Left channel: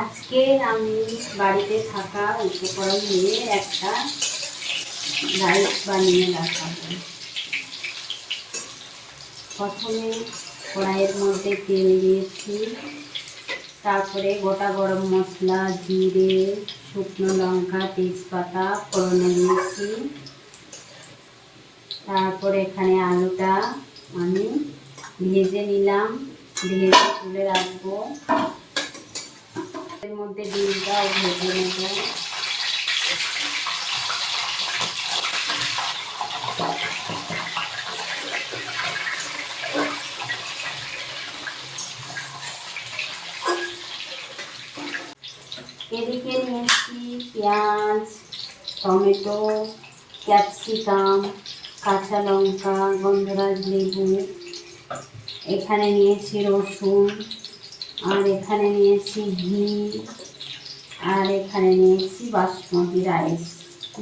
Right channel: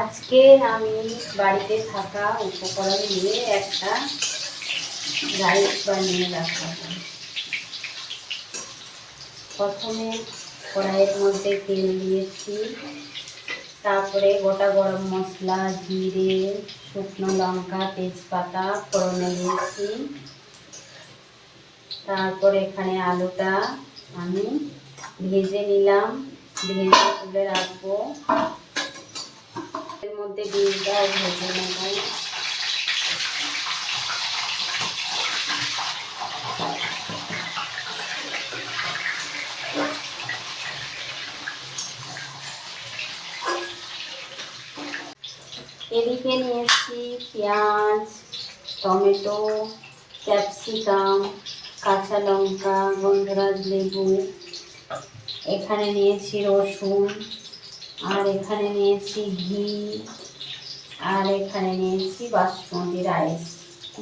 আজকে আমি বাড়িতে থাকা উপকরণ নিয়ে একটা রাইস বানিয়ে রাখাবো প্রথমে কড়াইয়ের মধ্যে তেল দিয়েছি, তারপরে গোটা গরম মশলা, জিরে, শুকনো লঙ্কা, তেজপাতা ফোড়নে দিয়েছি। তারপরে এখানে আলুটা আমি ভেজে নিলাম, ভেজে তুলে রাখব। মধ্যে ডিমটা ভেজে নেব। এদিকে নিয়েছি পেঁয়াজ, টমেটো, ক্যাপসিকাম, কাঁচা লঙ্কা, গন্ধরাজ লেবু। এখানে নিয়েছি রসুন। আর এখানে নিয়েছি ঘি, আর এখানে নিয়েছি বাসমতি রাইস।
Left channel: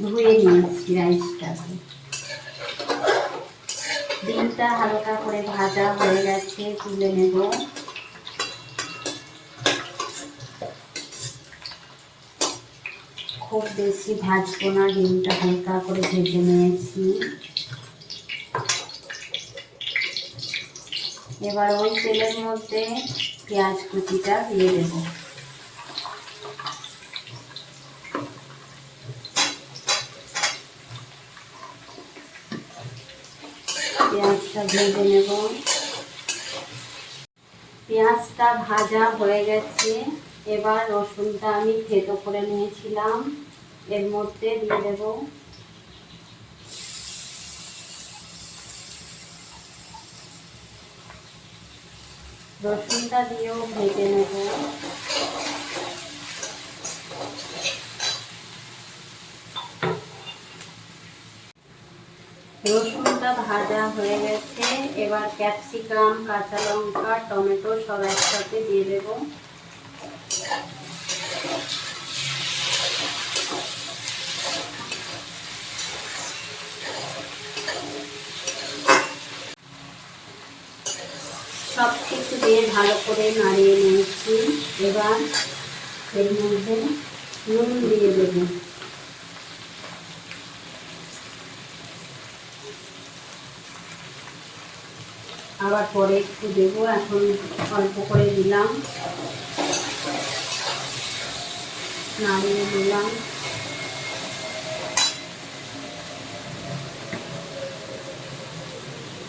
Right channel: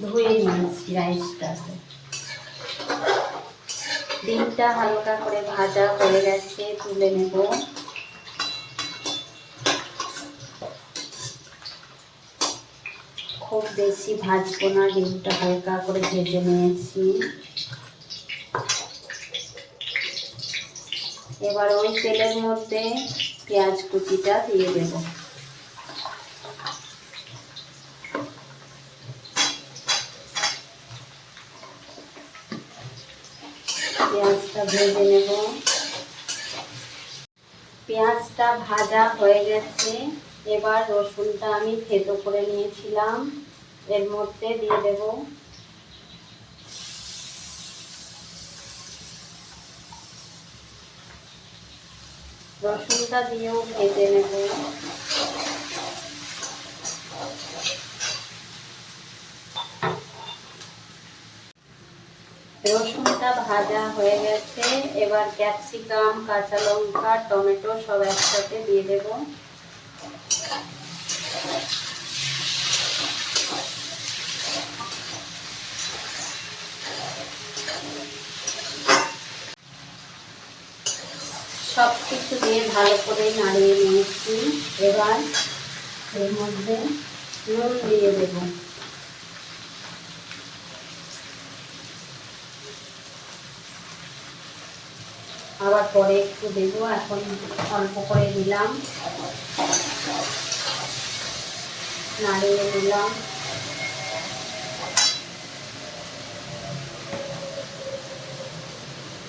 ধুয়ে নিয়েছি রাইসটাকে। ডিমটা হালকা করে ভাজা হয়ে গেছে, তুলে নেব। খুব বেশি ভাজবো না ডিমটা হালকা করে ভেজে নিয়েছি। এবার ওই তেলের মধ্যে পেঁয়াজ কুচিটা দিয়ে দেব। পেঁয়াজটা ভেজে নেব। পেঁয়াজটা ভাজা হয়ে গেছে। এবার রসুনটা আমি থেতো করে নিয়েছিলাম। এর মধ্যে দিয়ে দেবো রসুনটা দিয়েও ভেজে নেব। রসুনটা ভাজা হয়ে গেছে। এবার ক্যাপসিকাম, কাঁচা লঙ্কা, টমেটো সব একসাথে দিয়ে দেব। সব কিছু দিয়ে ভালো করে নাড়িয়ে নিয়েছি এবার এর মধ্যে নুন দিয়ে দেব। আবার পরে একটু দেবো, এখন অল্প করে দিলাম। নাড়িয়ে দিলাম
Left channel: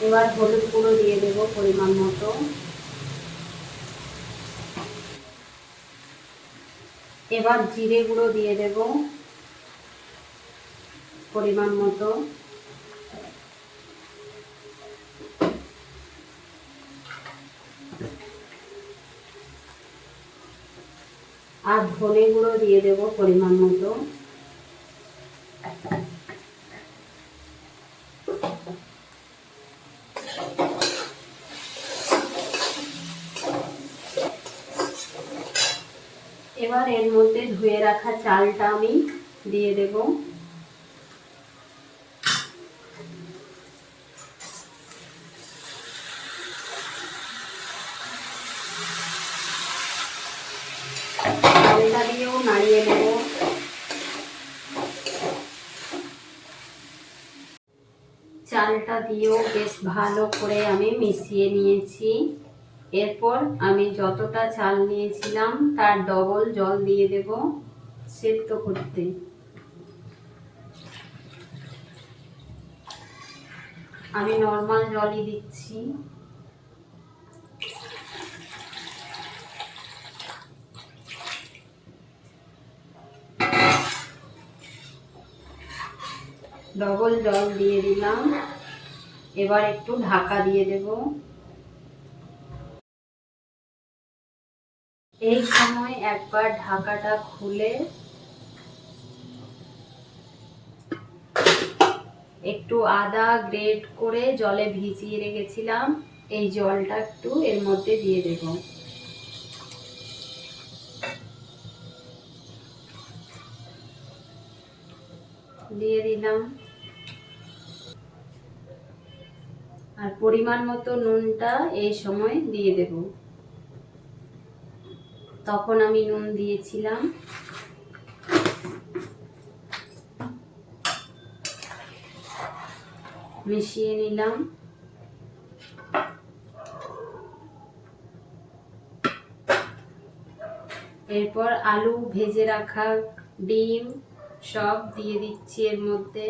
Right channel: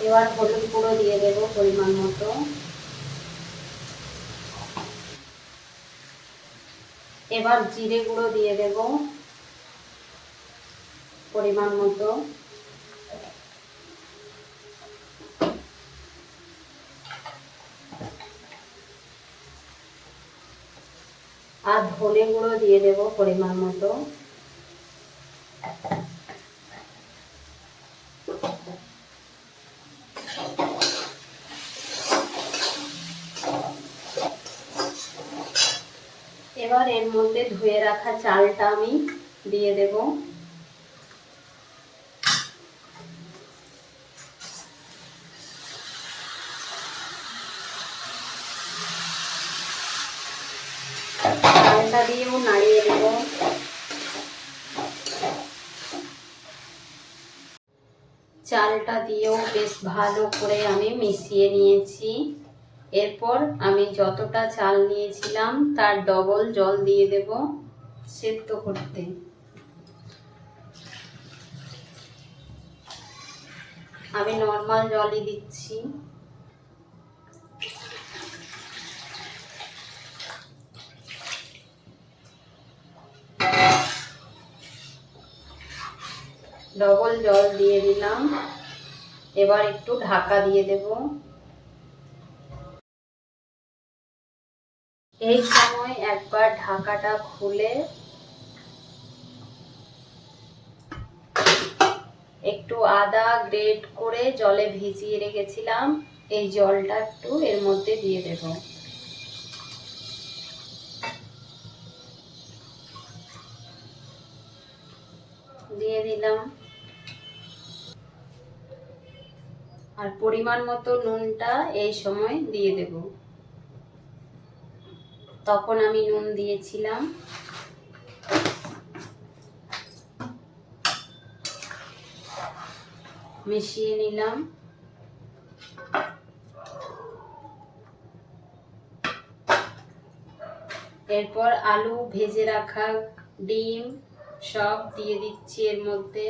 এবার হলুদ গুঁড়ো দিয়ে দেব পরিমাণ মতো। এবার জিরে গুঁড়ো দিয়ে দেব পরিমাণ মতো। আর ধনে গুঁড়ো দিয়ে দেব পরিমাণ মতো এবার এর মধ্যে ধুয়ে রাখা চালটা আমি দিয়ে দেব। চালটা দিয়েও নাড়িয়ে দেব। চালটা দিয়েও বেশ ভালো করে আমি মিশিয়ে নিয়েছি। এরপর আমি যতটা চাল নিয়েছিলাম তার ডবল জল দিয়ে দেব। সেদ্ধ করতে। আমি নর্মাল জলই দিচ্ছি। ডবল জল দিয়ে দিলাম। এবার একটু ঢাকা দিয়ে দেবো। এই সময় একবার ঢাকাটা খুলে একটু আদা গ্রেট করে জলে ভিজিয়ে রেখেছিলাম। এই জলটা একটু এর মধ্যে দিয়ে দেব। দিয়ে দিলাম। আর পরিমাণ মতো নুনটা এই সময় দিয়ে দেবো। তখন আমি নুন দিয়েছিলাম। মিশিয়ে নিলাম। এরপর আলু ভেজে রাখা ডিম সব দিয়ে দিচ্ছি এর মধ্যে।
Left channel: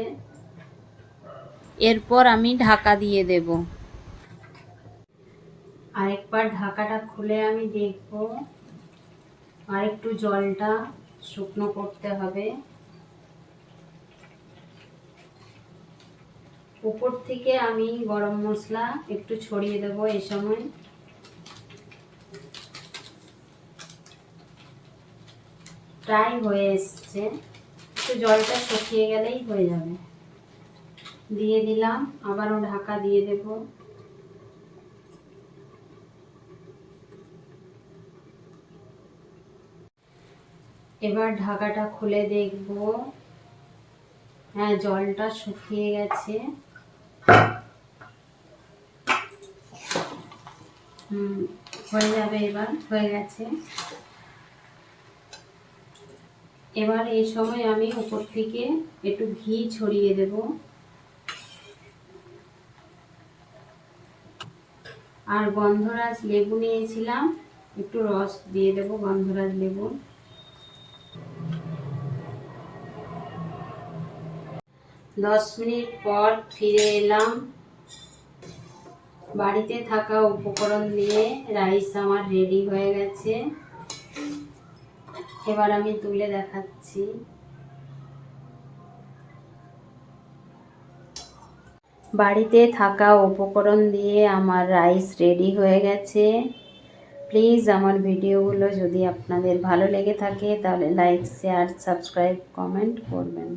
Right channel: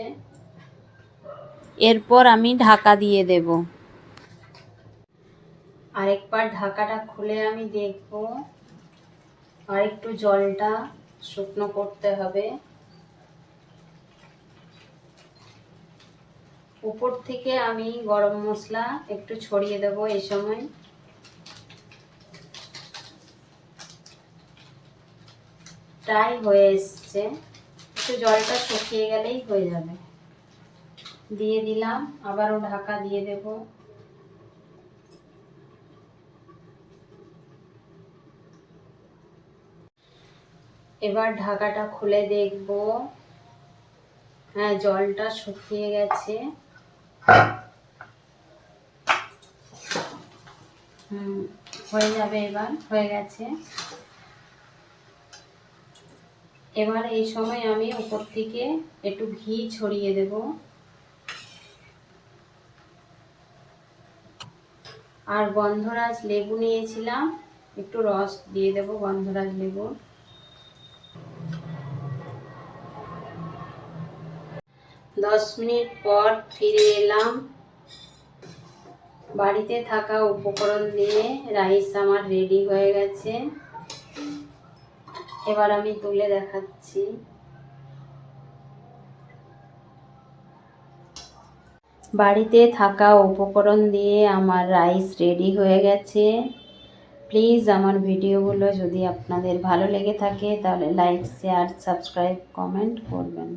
এরপর আমি ঢাকা দিয়ে দেব। আরেকবার ঢাকাটা খুলে আমি দেখব। আর একটু জলটা শুকনো করতে হবে। উপর থেকে আমি গরম মশলা একটু ছড়িয়ে দেব এই সময়। প্রায় হয়ে এসছে। একটু জলটা শুকিয়ে গেলেই হয়ে যাবে। দিয়ে দিলাম, আবারও ঢাকা দিয়ে দেব। এবার ঢাকাটা খুলে দেখব। হ্যাঁ জলটা শুকিয়ে গেছে। হয়ে যাবে এবার, হয়ে গেছে। এবার এই সময় আমি উপর থেকে একটু ঘি ছড়িয়ে দেব। আর গন্ধরাজ লেবু নিয়েছিলাম, একটু রস দিয়ে দেব গন্ধরাজ লেবু দশ মিনিট পর ফিরে এলাম। বাড়িতে থাকা উপকরণ দিয়ে রাইস আমার রেডি হয়ে গেছে। এবার আমি তুলে দেখাচ্ছি। বাড়িতে থাকা উপকরণ দিয়ে আমার রাইস রেডি হয়ে গেছে। প্লিজ আমার ভিডিওগুলো যদি আপনাদের ভালো লেগে থাকে তাহলে লাইক, শেয়ার, সাবস্ক্রাইব, কমেন্ট করবেন।